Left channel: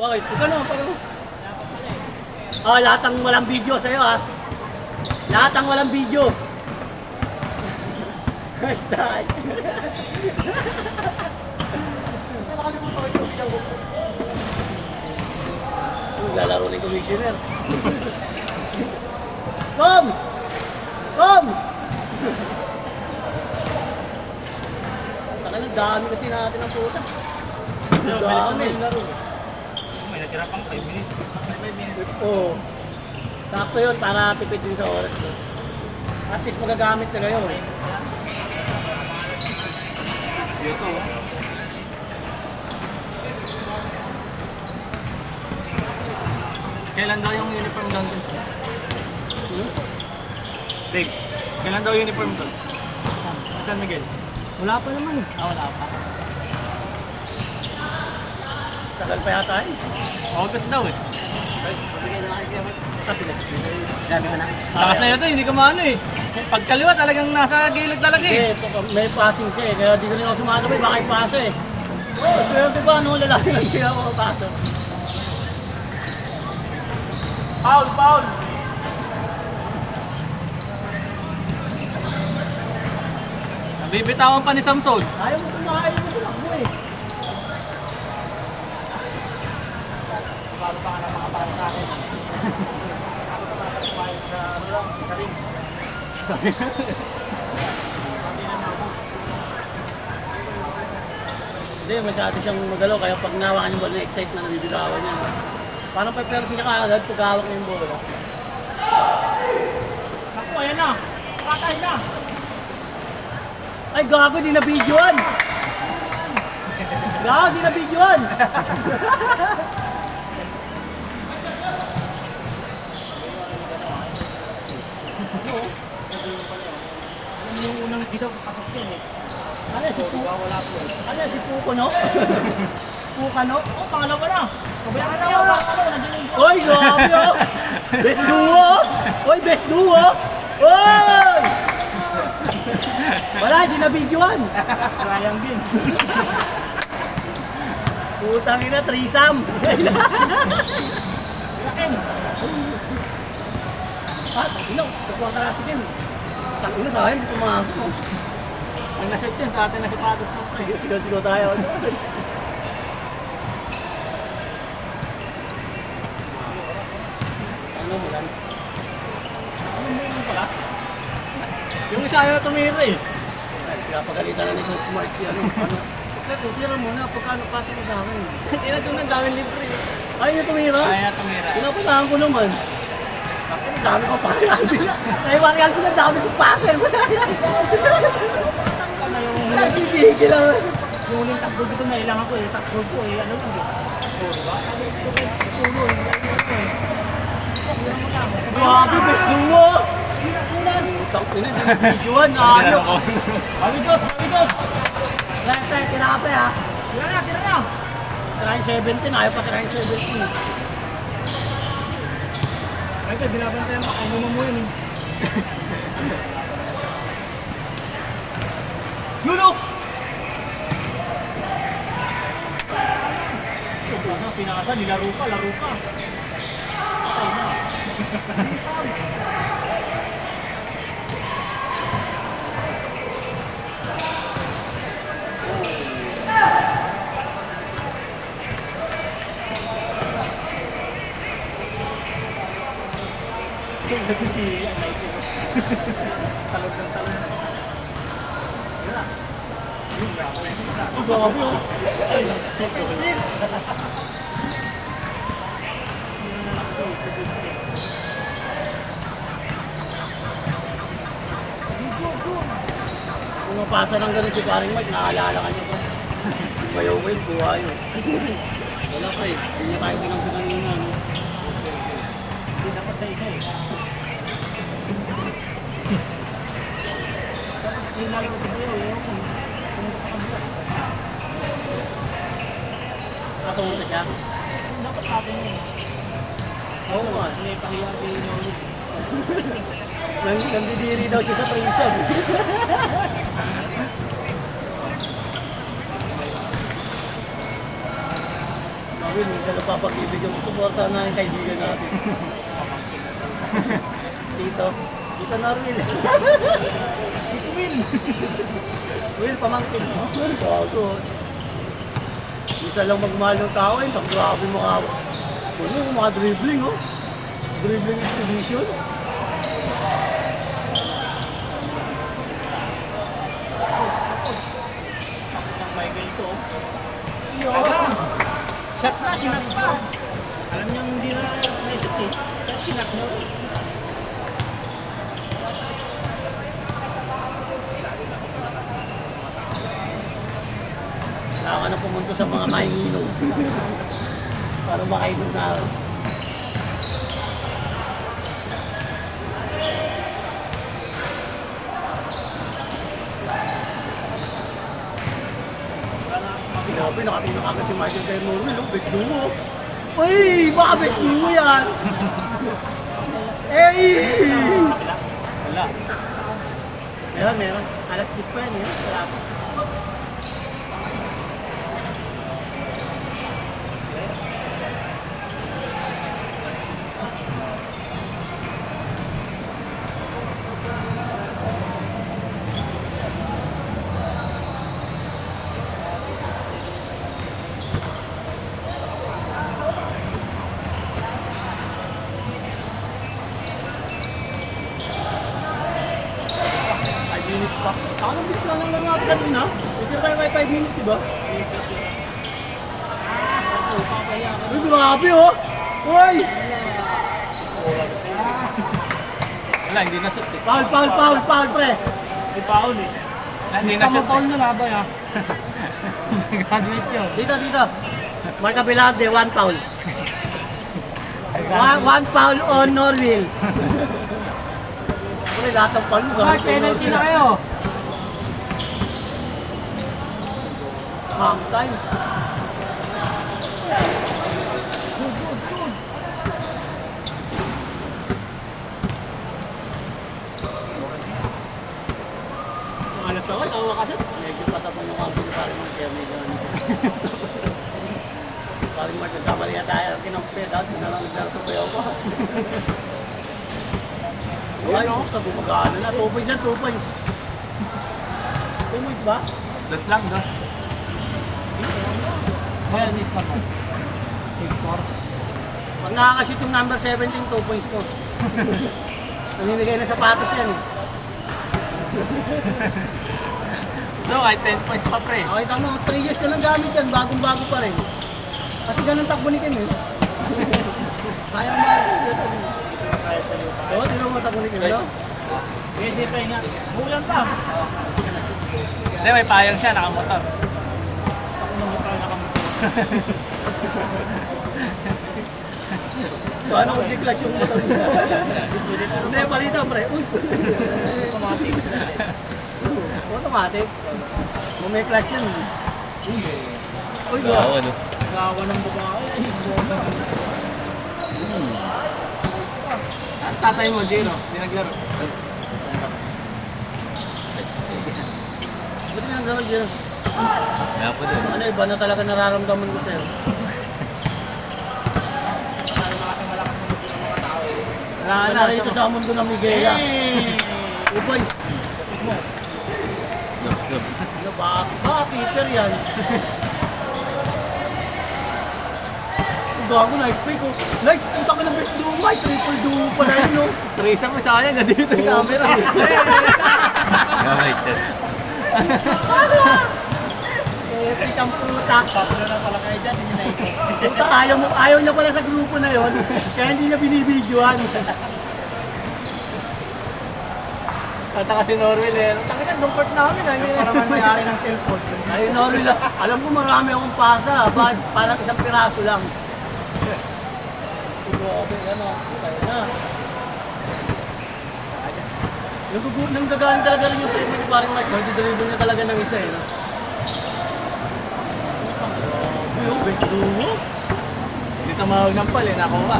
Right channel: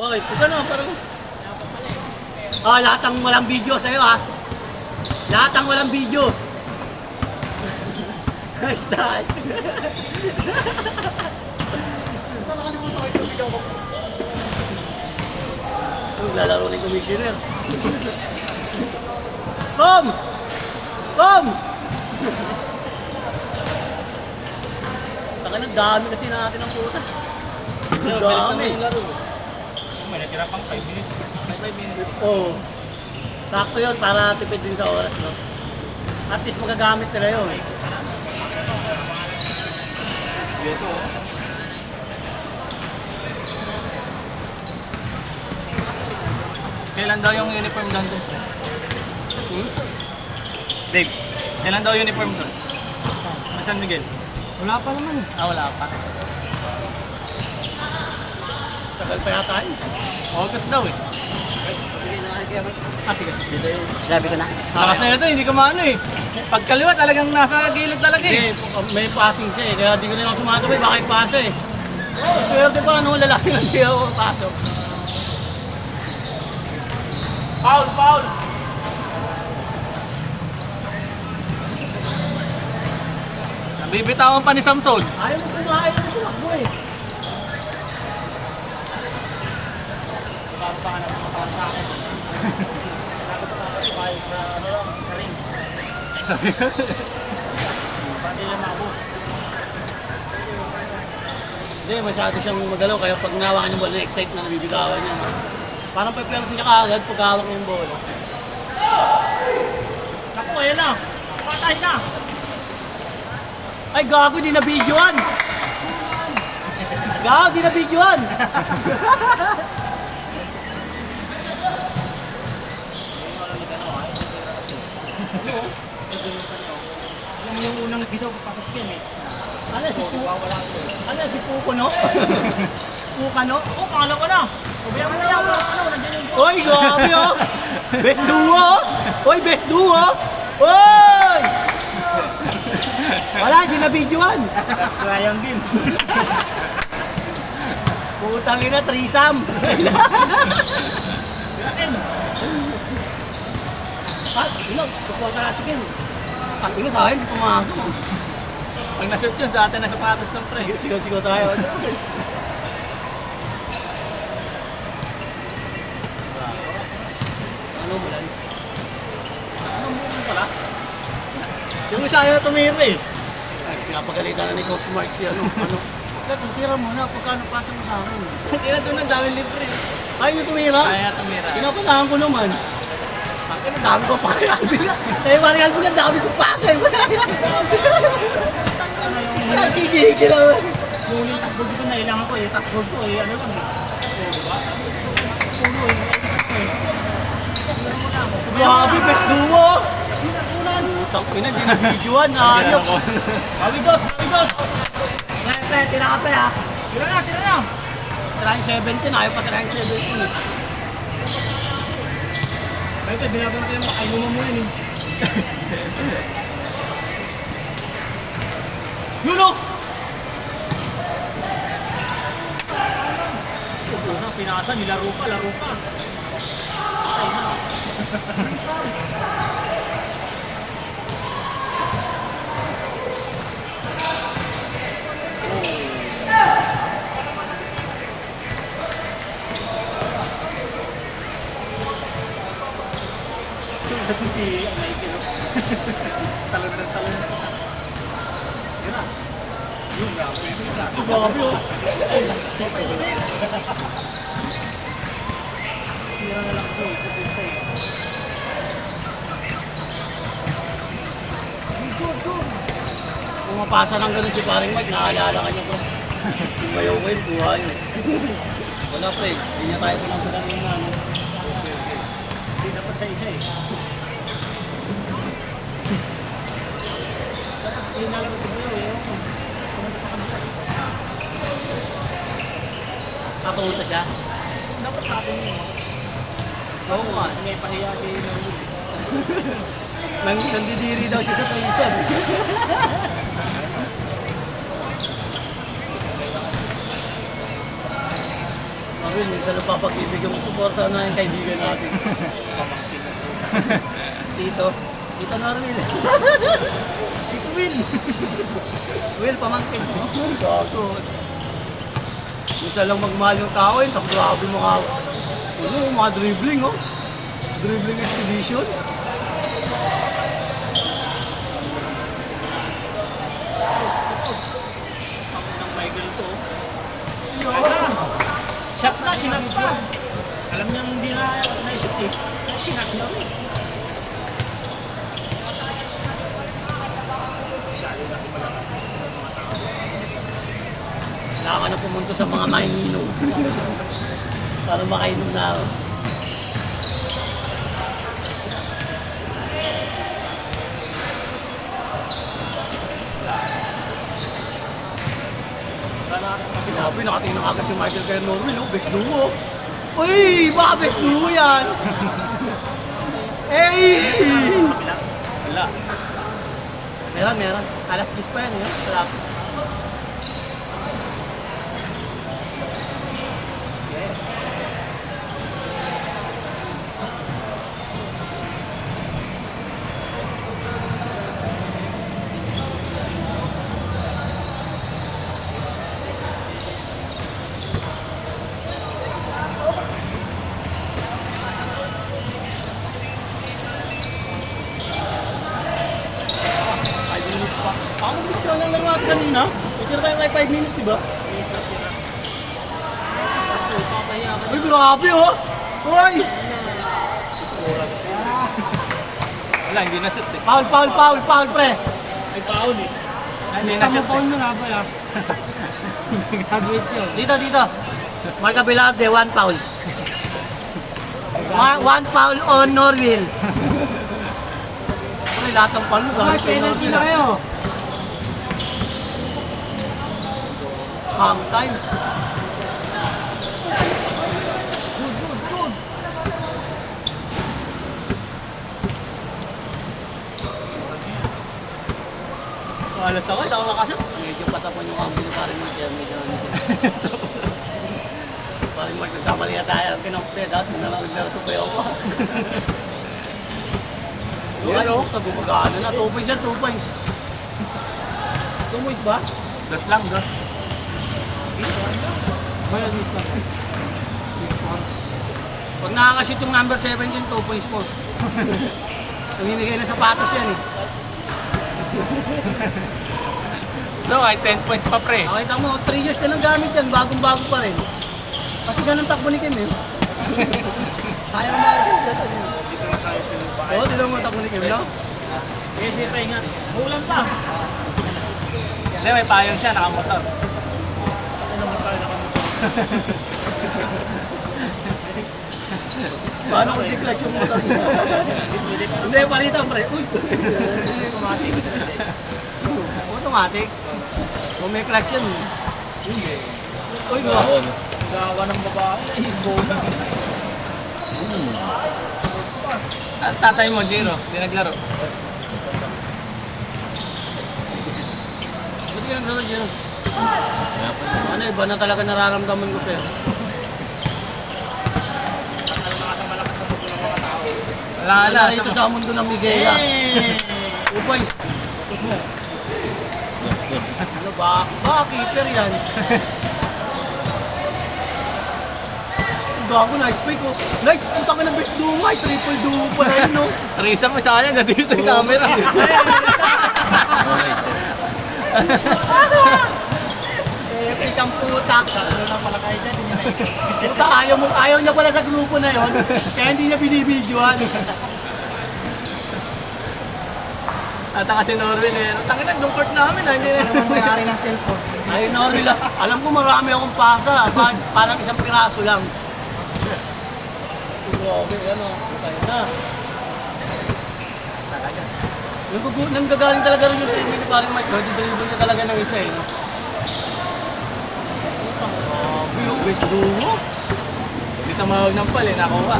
Bakit? Kung ano, parang... lahat ng walang video sa'yo ha. Lahat ng walang video. Nice die. Nakakalimutan ko yung video ko. Lalaro ng commissioner. Kom! Kom! Ang dami kasi natin ng puta. Dami. May natira pang 5 minutes. 5 minutes. Oo. Sakto yun para tipid din sa oras mo. At least magagamit nila yun. Dito. Kailan daw yung uniform doon? Dave, kailan daw uniform doon? San Miguel? Wala pa naman. Wala pa. Tagal pa yata yun. August daw eh. Pabigay na kayo kaya sige. Sabi ko na. Lakas na ito, hindi ka maano eh. Pagkaliwa talagang nasa gilid talaga eh. May passing siya eh, kaya di ko na lang sumasabay, baka ipasa eh. Swerte pa, nung lalaki lang di ako pasok. Foul, foul! Nabibitawan pa ni Samson. Ayaw mo kumain mo tumakbo eh. Sabi Hindi, masyado siyang magalaw, kaya pag nawakan yung bola, na-excite na nabibitawan niya. Parang pa-pero siya kaagad pag hawak ng bola. Naku, ayan na! Patay na! Ay, gago, di na videoan! Gago, di na videoan! yung unang bitaw papasok yan eh. Ano si Pukono? Pukano? Oh, pangalan ko na! Pabayaan mo na yan, nandiyan yung... Oy, grabe oh! Best duo! Oy, best duo! Oy! Wala, di na videoan! Sayang din. Putang ina, threesome! Ino, kukuha ka na sige. Ino sa akin, di pumasok. Pag na-shoot yun sa atin na sapatos ng pre. Sigaw-sigaw tayo. Ano mo lang? Ano mo pala? Yung isa ayaw tumira eh. Pinapagalitan na ni Coach Mark siya. Ano? Tira mo na, pagkano pasa mo sa akin? Tira doon ang daming libre. Ayaw niyo tumira? Ayaw tumira. Pinapasahan ko naman. Ang dami ko pa kaya. Kaya parang ko lang dami ko pasa. Wala yan. Nakikigil naman. Yung uling takbo dito na ilang ako eh. Takbo ko eh. Ano lang eh. Diba? Tulo eh. Tira mo lang. Grabe, best duo. Utang ina, di na videoan. Ayok. Bawigos! Bawigos! Kaya tira ka pa ha. Tira na! Tira na! Tira yung 17, ayaw pa tira yung 17. Ay, pwede na ba tayo makainuman mo yan eh. Yulo! Ito na, pinasa, nilaro pa, laro pa. Patay na. Kasi si Nike, no? Talon ng talon. Yun na. Yung grabe. Grabe oh. Pumapasa lang ganun si paring Mike, naalala ka niya pa. Bayaw ko yun, buhay. Wala pa eh, hindi niya tayo pinagpunan yung ano. Hindi dapat sa isa eh. Dapat pinalaro si Bayaw eh. Pumunta sa kabila. Nakapunta siya. Dapat natin yun eh. Oo nga, may pahiya si Norwood. Nandidiri daw siya sa prison. Will, minsan napapag-ibigyan ko suporta na yung kaibigan natin. Tito. Tito Norvil. Tito Will. Will, pamangkin mo. Gago. Minsan lang magmahal yung tao yun. Tapos grabe mga... Ano, mga dribbling, oh. Dribbling expedition. Ang Michael ito. Kaya, shot na, sinat na. Alam niya hindi na shot eh. Sinat niya rin. Kailangan na pumunta sa mga mahihilo. Para makainom na ako. Sinabi, nakatingin agad si Michael kay Norwin, no? Best duo. Uy! Baka best duo yan! Hey! Wala. Meron. Alas 10 pa yan, eh. Sarap. Pa. Parang bilis lang lang natin kanina. Pwede tayo may 5 minutes, di ba? Ay, grabe, oh! Uy! Wala, hindi na shoot eh. Foul, pre! May foul eh. Hindi na shoot eh. mo na ba ya? Graduate yun. Dito. May kabila, de 1 foul. 1 foul on Norville. Uy, lahat ng foul mo. Penalty na kayo. Half time. Malas ako, tawa ka siya. Medyo patapan yung kampi ni parang mag-kemi. Parang magkakamali na tayo. Kinampya, dapat na lang naglaro sa payaw ko. Yan o, gumagana na. 2 points yan, 2 points. 2 points ba? Dos lang, dos. Ayan, mid pa. Pag nakakashoot yung number 17, 2 points po. Tumimigay na sapatos yan eh. So, ay 10 points pa pre. Nakita mo, 3 years na lang gamit yan, bagong-bago pa rin. Kasi ganun takbo ni Kim eh. Kaya nga ito. Oo, di lang matakbo ni Kim, no? Kasi pre nga, bulan pa. Hindi, may payong siya, nakamotor. Ako naman tayo nakamotor. Paano kung di-clutch yung motor niya? Hindi, palitan pre. Uy! Automatic. Automatic. Kung may clutch yun. Hindi. Uy, gawa. Gawa ng babae, ay bola. Ang tatay mo, Jiro, hindi naglaro. Buti ka naman dyan. Ano, iba na talaga nararamdaman ko sa'yo. Wala Wala na, rito sa mundo ng Miguela. Upay. Ano ba? Keeper yan. Gago, nice play ko. Nice, ang taka ng best duo, may triple duo pala yun, no? Trisam isa kanya, ganda dito yung camera. Epic ang puta. Sakto na pala kayo dyan. Puta, ayaw niya pala sa grupo na yon, kaya hindi niya binibidyoan. Tataka si Norwin eh. Ang tangin na, doon court namin. Para mamayari ng cellphone. Ayun na, Rila. Alam ko marami akong pasa. Parang isang piraso lang. Grabe, ano. Okay na. Nang gagaling talaga rin yung team ko, parang nag-deliver na talaga ng isa eh. No? Yung best duo. Hindi tumawag ng pal eh, nakuha.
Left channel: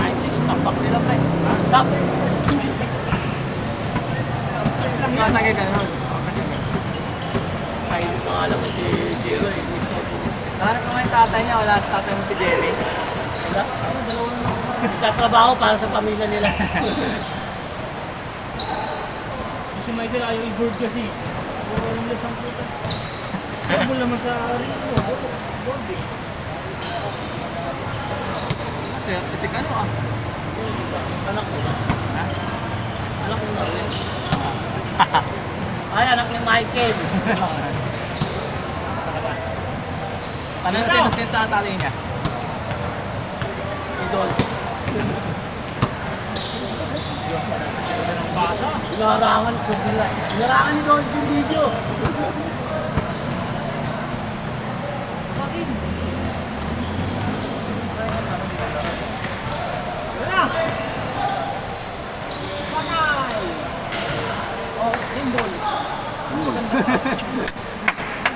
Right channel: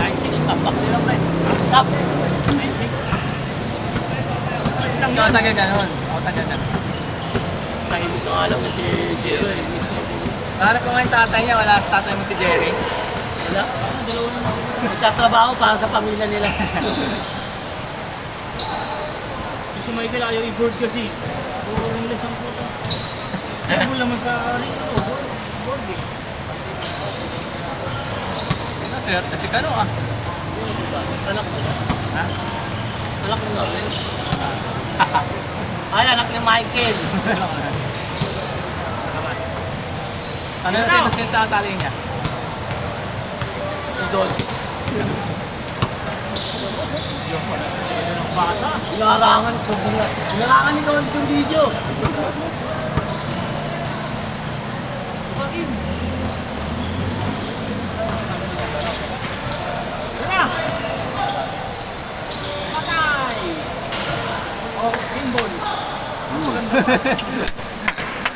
9-6, top nila tayo. Sak. 9-6. Mas lang yun. Matagay ka nun. Ay, hindi ko alam na si Gio. Parang kung yung tatay niya, wala sa tatay mo si Jerry. Wala. Dalawa na ako. Nagtatrabaho para sa pamilya nila. Si Michael ayaw i-board kasi. Puro rin lang siyang puta. Ayaw mo naman sa board eh. Sir, kasi kano ah. Anak ko. Ha? Anak ko na rin. Ay, anak ni Michael. Sa labas. Ano na sino tatali niya? Si Dolces. Basa. Larangan ko nila. Larangan ni Dolces yung video. Ano?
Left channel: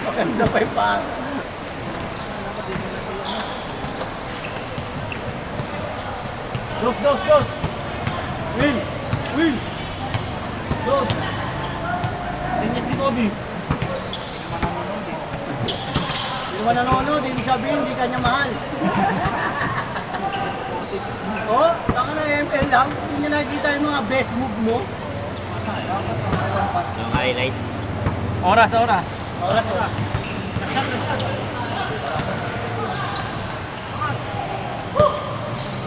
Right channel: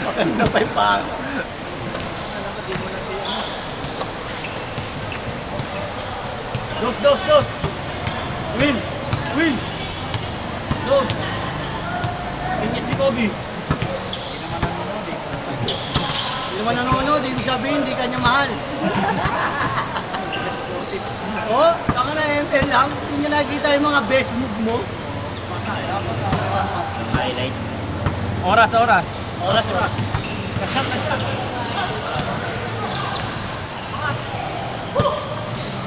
Maganda pa yung pang. Dos. Win! Win! Dos. Pinyas ni Kobe. Hindi naman nanonood, hindi sabihin, hindi kanya mahal. Oh, saka na ML lang. Hindi niya nakikita yung mga best move mo. Highlights. Oras. Oras.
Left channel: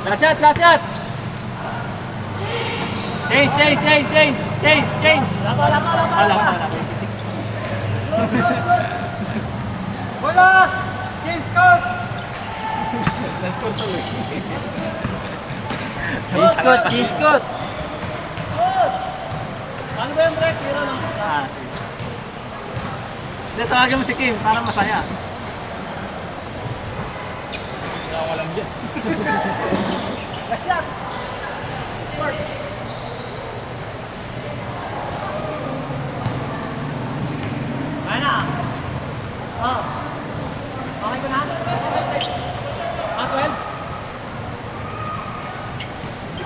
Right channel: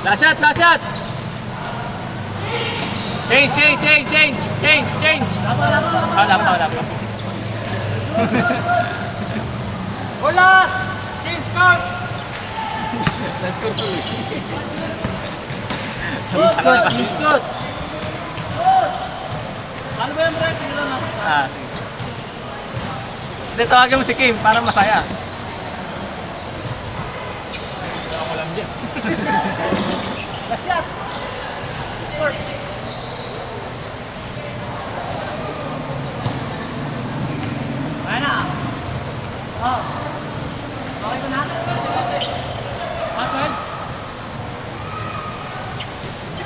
Na-shot. Last shot! Change! Wala. Bulas! Change card! Let's go tuloy. Iskot! Ano ba yung press? Yun na. Ah, sige. Hindi, tawagin mo si Kim para masaya. Last shot! Ayan na. Oh. Okay ko na? Ah, Gwen?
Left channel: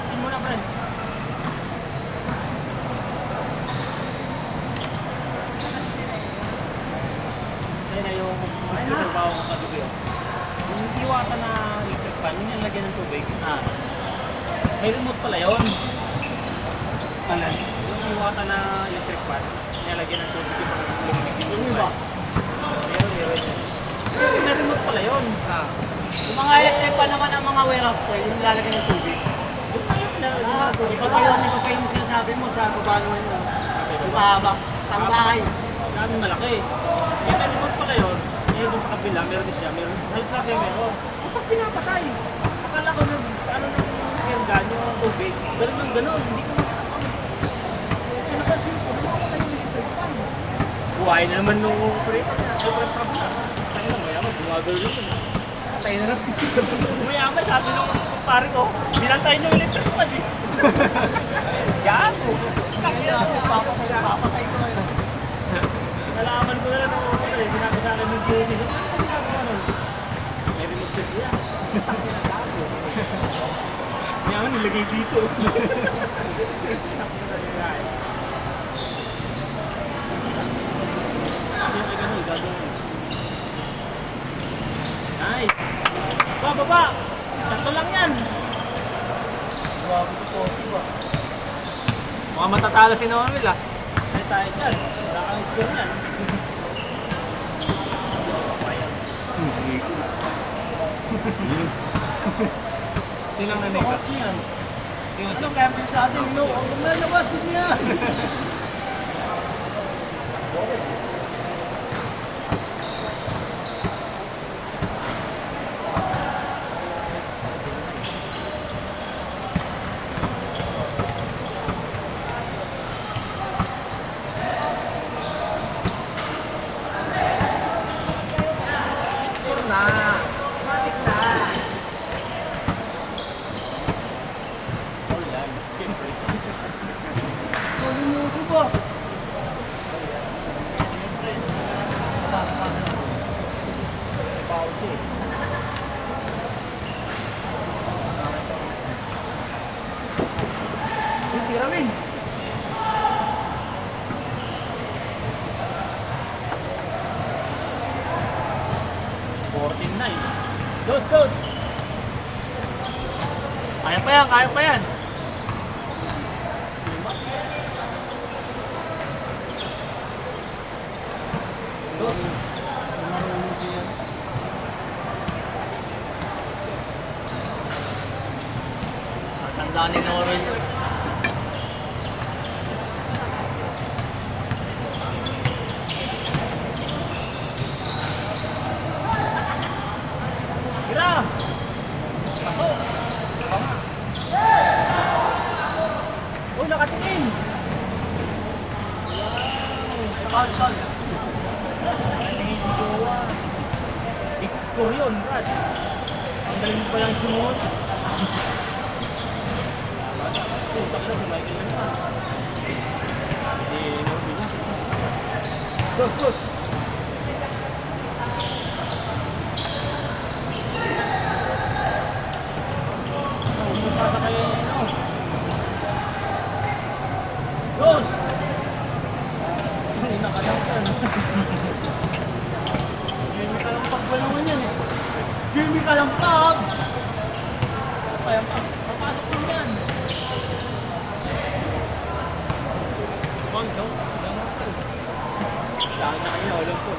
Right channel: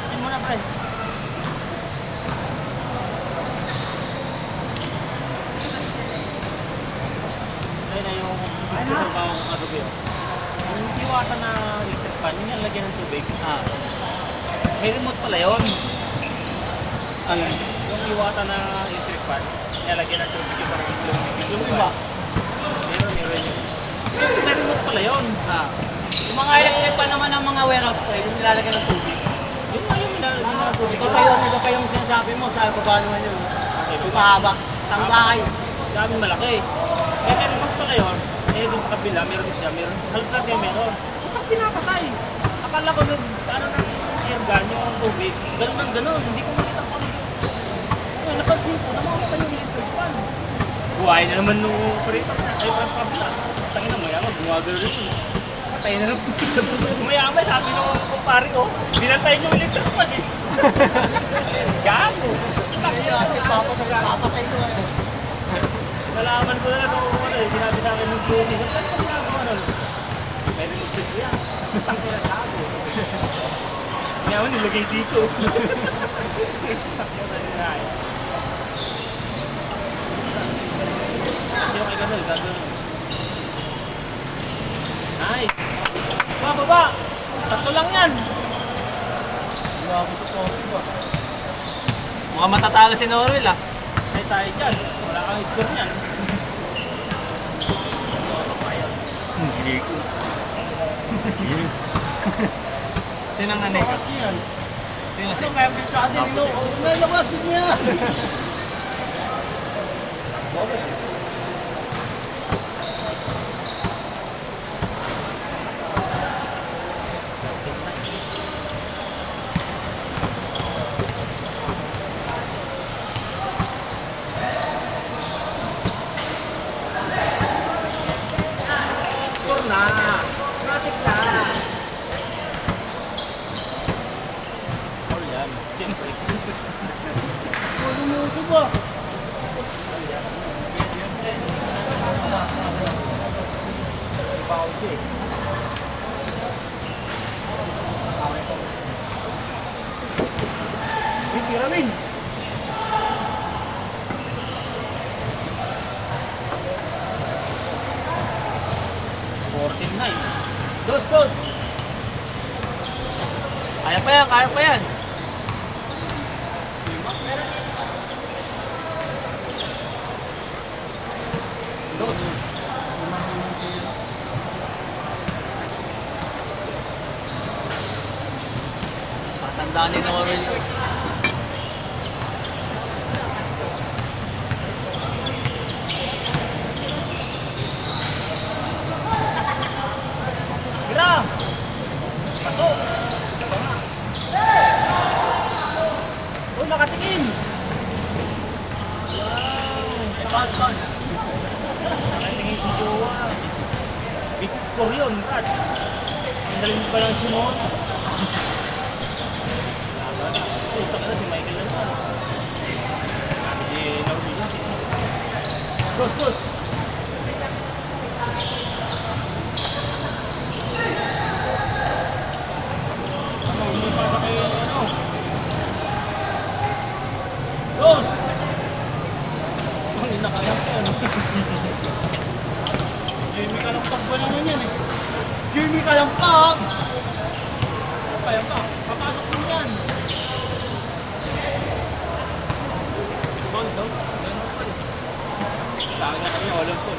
Ano mo na, pre? Yan na yung trabaho ko kagabi. Yung diwata na electric fan, yung nalagyan ng tubig. May remote pala yun. Yung diwata na electric fan, nalagyan ng tubig yung Yung iba? May remote pala yun. Yung mga electric pa naman ng mga warehouse ko, yung nilalagyan ng tubig. Yung pa yung nilalagyan ng tubig. Ito pa yung sinasabi mo sa baba naman yun. Yung mahaba. Tanglay. Sa amin malaki. May remote pala yun. Eh, doon sa kabila, meron siya. Meron. May sabi meron. Ito pinapatay. Akala ko yung yung yung tubig. Ganun. Hindi ko makita. Eh, napansin ko. Namakita yung electric fan. Buhay na naman nung pre. Ay, parang sabi na. Tangin na, mayaman. Gumagalo rin. Patay na lang. Mayaman, sabi nung kumpare ko. Binantayin yung electric fan eh. Gano. Papatay ko yun. Nalaman ko na ano eh. Sinabi sa akin yung Josie. May remote check yan. Tangin na sabi. Mayaman, nilagay dito. Nice! Baba! Tatlo lang yan! Mukhang matatalo si Norwell ah. May tayo dyan. Wala kang score niyan. Sige ko. Yun ang nanay ko. Kasi yan. Ano kaya mo sa atin? No, nalabas din niya. Score na! Matik na! All yan. Siyempre. Lumuso ba? Kaya pa yan, kaya pa yan. Tatandaan ni Noro yun. Tira! Pasok! Uy, nakatingin! Wow! Nakatingin si Jowa. Big score yun, Brad. Ang galing pa lang sumunod. Puta ka na si Michael yun. Hindi na-vision siya. Push, push! Pasa kayo ng ano. Rose! Ay, nakalang ka, ano? Jamie Kalampag ba naman yan eh? Jimmy Kalampag! Kaya pa, papasok mo yan. Tonto, gano'n pa rin. Saan na kanya, walang po.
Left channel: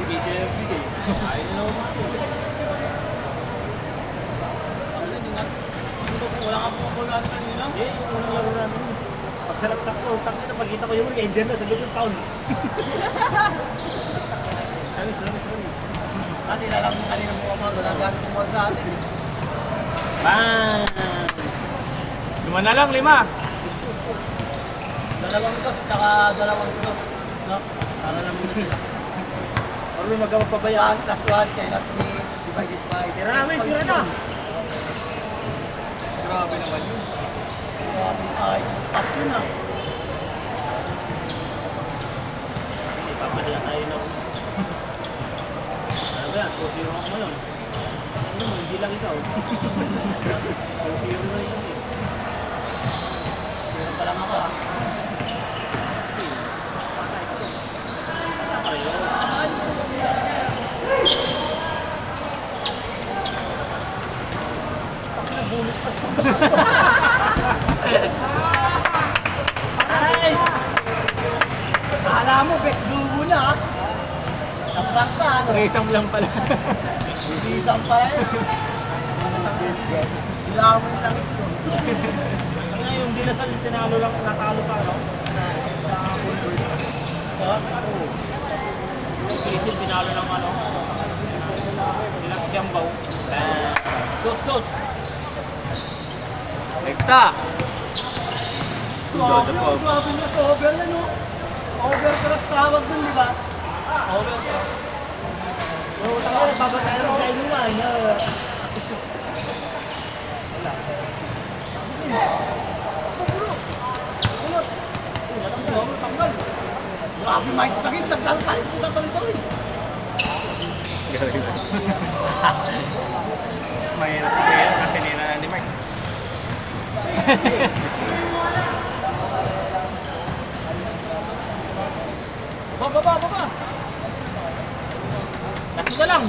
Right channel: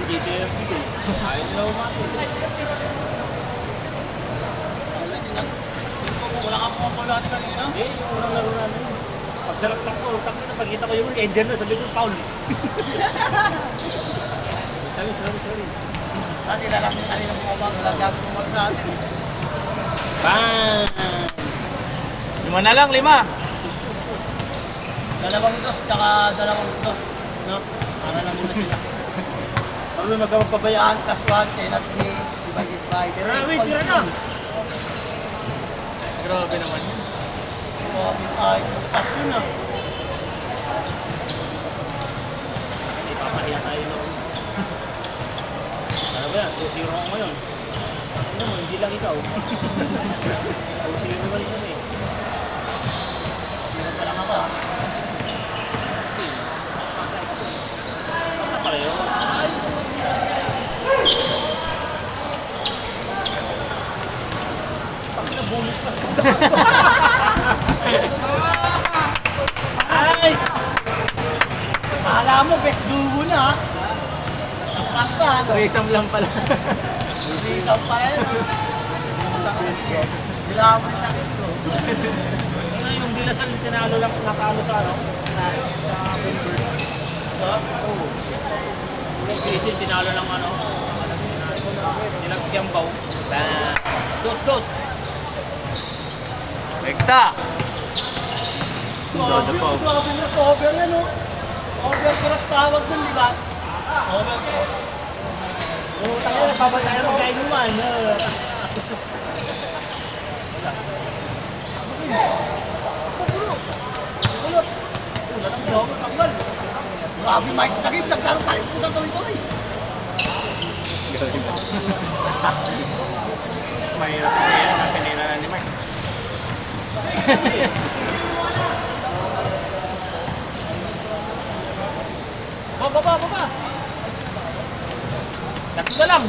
Hindi siya yung video. Ayaw nila umapit. Wala kang popular kanina. Eh, yung unang laro namin. Pagsalaksak ko, pagkita ko yung ender na, sabi ko, foul. Sorry. Dati lalamin kanina mo ba? Walang gagawin mo sa atin. Bang! 5 na lang, 5. Dalawang dos, tsaka dalawang dos. No? Para naman na sila. Ano may magawag pa ba yan? 1 plus 1 cannot be divided by. Tira na, wait, tira na. Grabe naman yun. Grabe tayo. Pas yun ah. Ipapalihan tayo na una. Ano ba yan? 2-0 ako ngayon. Ano mo, hindi lang ikaw. 2-0 na rin kami. Meron pa lang ako ah. Basta pareho. Nice! Akala mo, best dugo na ah. Napraktan. 3 lang pala. Isang pa yan. Bilawin na gusto. Ano yung Dilasal tinalo lang, natalo sa ano? Sa Bulbul. Oo. Yung Philippines tinalo lang ano? Tinagtiambaw. 2-2. Rekta. Grabe niya sa over yan oh. Overcross tawag dun, di ba? Overcross. Oo, tayo nagpapatay ng kainuman. Kulot. Tanggal. Grabe may sasagip. Nagkaro tayo. Puta tuloy-tuloy. Mahirap na yun. Ang tinira ni Mike. Baba. Tatlo na lang.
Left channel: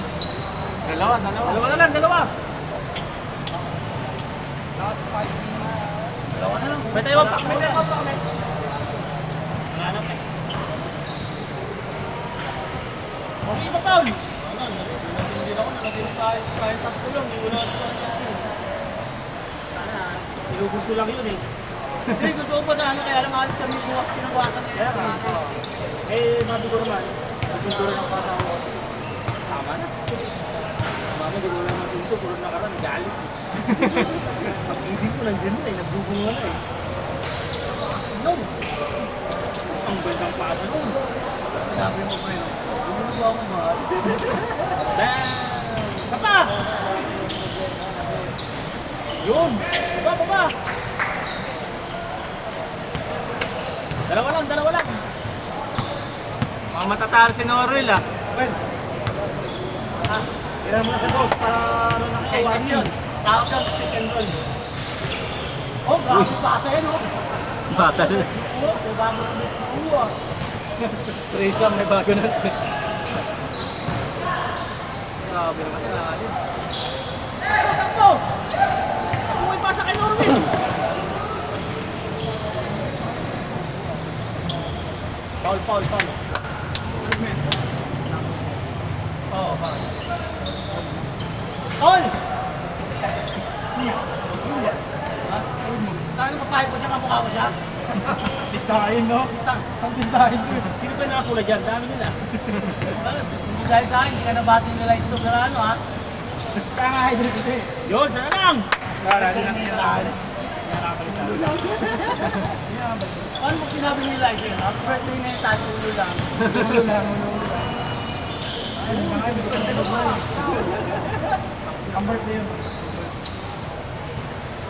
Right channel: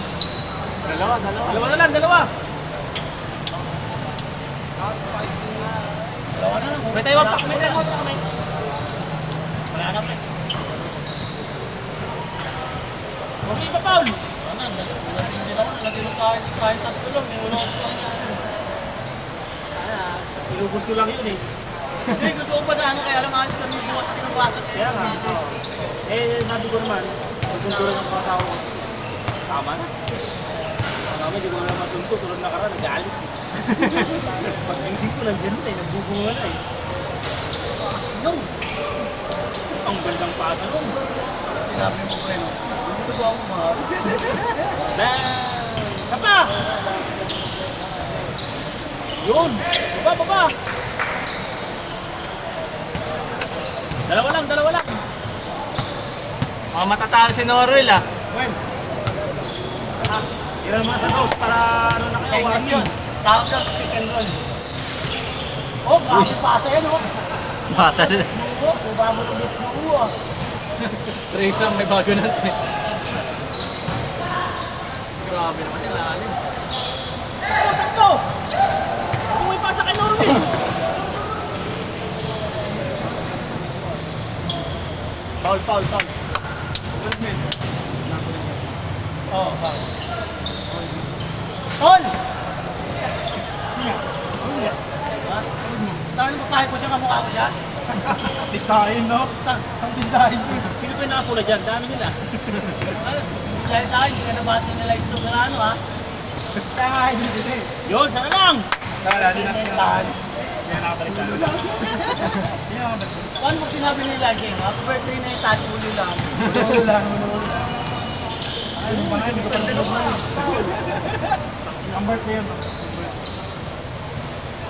Dalawa. Dalawa na lang, dalawa. Last 5 minutes. Dalawa na. May tayo pa kami. Wala na pa. Okay pa, Paul. Ano, nasindir ako. Nalagyan tayo sa tatlo lang. Una ako lang. Ilubos ko lang yun eh. Hindi, gusto ko pa na ano. Kaya lang alis kami bukas kinabukasan. Kaya nga. Sabi ko naman, nagtuturo ng kasama ko. Tama na. Tama na, di ko naman masunto. Tulad na karan, nag-aalis eh. Pag-isip ko, nandiyan na eh. Nagbubunga na eh. Yun. Ang gandang pasa nun. Sinabi mo pre, no? Hindi mo ba ako mahal? Bang! Sapa! Yun! Baba! Dalawa lang. Mga matatalo si Norwell ah. When? Ha? Tira mo na sa house para ano na Sa kayo. inas yun. Tawag sa pick and roll. Oh, grabe pa sa yan, oh. Batal. Oh, kuba mo ng best duo, ah. 3 may bago na. Grabe naman yun. ko siya. Pistahin, no? Ang pistahin. Sino pa yung nakapula dyan? Dami nila. Hindi dahil sa akin, hindi ka nabati nila yung Soberano ha. Kakain din ito eh. Yun, sana lang! Wala din ang Yan. Yan nakapalitan. Paano mo sinabi nila yung happy birthday na yung tayo ulo lang? Ulo lang, ulo lang. Ay, mga hindi ka naman. Ang birthday mo.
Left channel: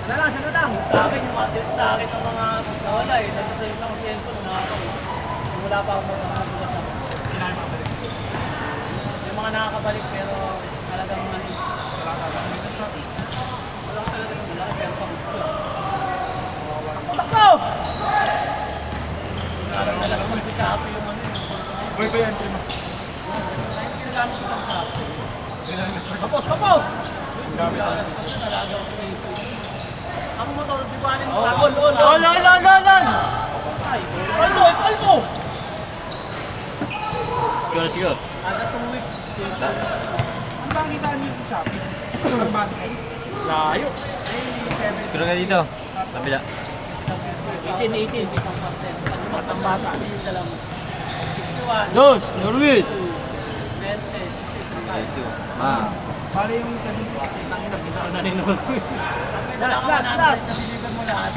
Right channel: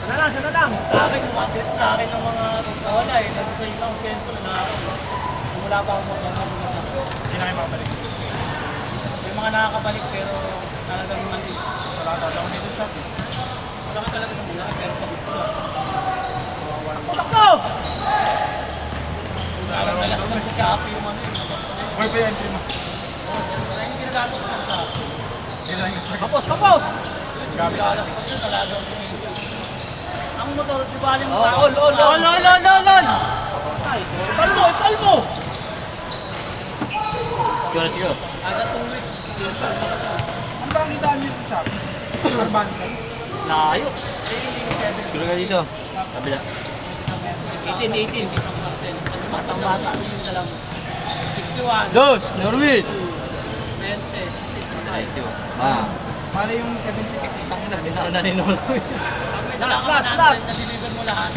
Sana lang, sana lang! Sa akin, umatit sa akin ng mga wala eh. Kasi sa isang siyento na wala pa akong magkakagulat. Kinain mo balik. Yung mga nakakabalik pero talagang nandito. Wala pa ba? May shop. Wala ka talaga ng wala pero pagod ko lang. Takbo! Nakakadalas lang sa Shopee yung ano yun. Boy pa yan, prima. Ay, hindi ginagamit ko lang sa Kapos, kapos! Gamit. ang motor, di ba aling Oh, ol! Kalmo, kalmo! Sure. Kada 2 weeks. Ang bang kitaan niyo sa shop? Arban. Layo. Suro ka dito. Kabila. 18. Batang-bata. 61. Dos, Norwid. 20. Ah. Pala yung 70. Tangina, binara na ni Nolo. May dala ka Last, na last. naliligan mo lahat.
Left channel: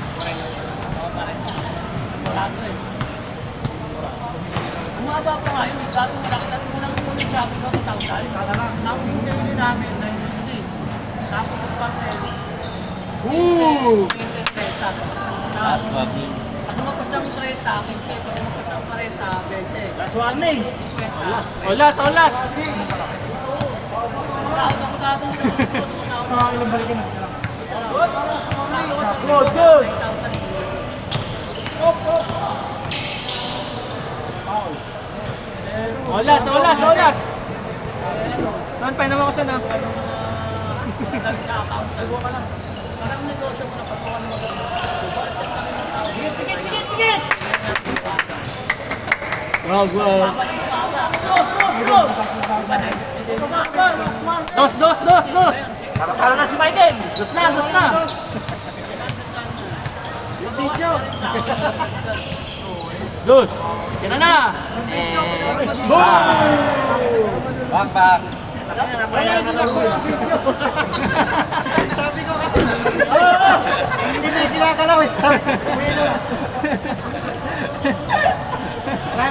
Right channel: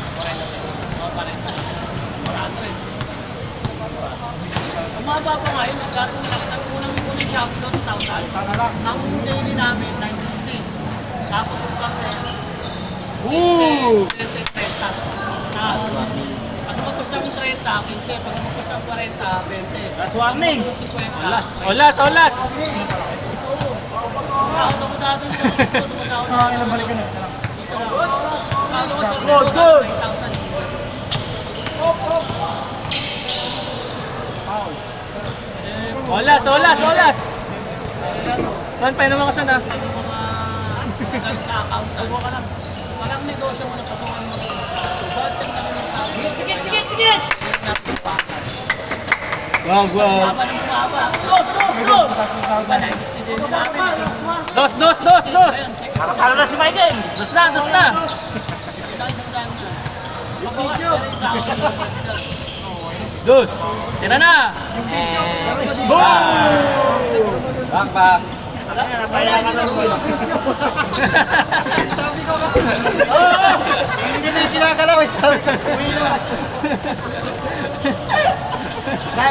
Umaba pa nga yun. Dati nang unang ulit Shopee ko, 2,000. Sana lang. Naunang namin, 960. Tapos yung parcel, 30. Tapos, ang magkos ng 30, 15, pag-inis ng 40, 20. Last warning. 50. Olas! Saan ako dati Ilang balikan na. Good. Olas! Saan pa naman ako sana? Parang negosyo mo na pasokan mo bakit nagtanong mo sa akin? Tigit! Wow. Babalik mo nga ba? Diba, 960 din yung mga Dos! Para na si Michael! Dos na! Dos. Tira na! Back. Hindi na kinakalaw eh. Sabi ko, uwi na.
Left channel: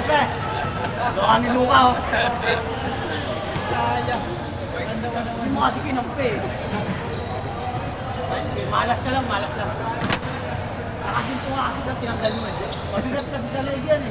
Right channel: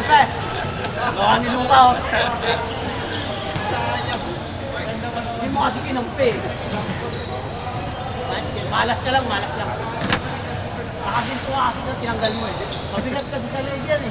Pre. Baka ni Luka oh. Hindi mo kasi kinumpi. Malas ka lang. Nakaginto ka kasi tinanggal mo eh. Mabigat kasi sa leg yan eh.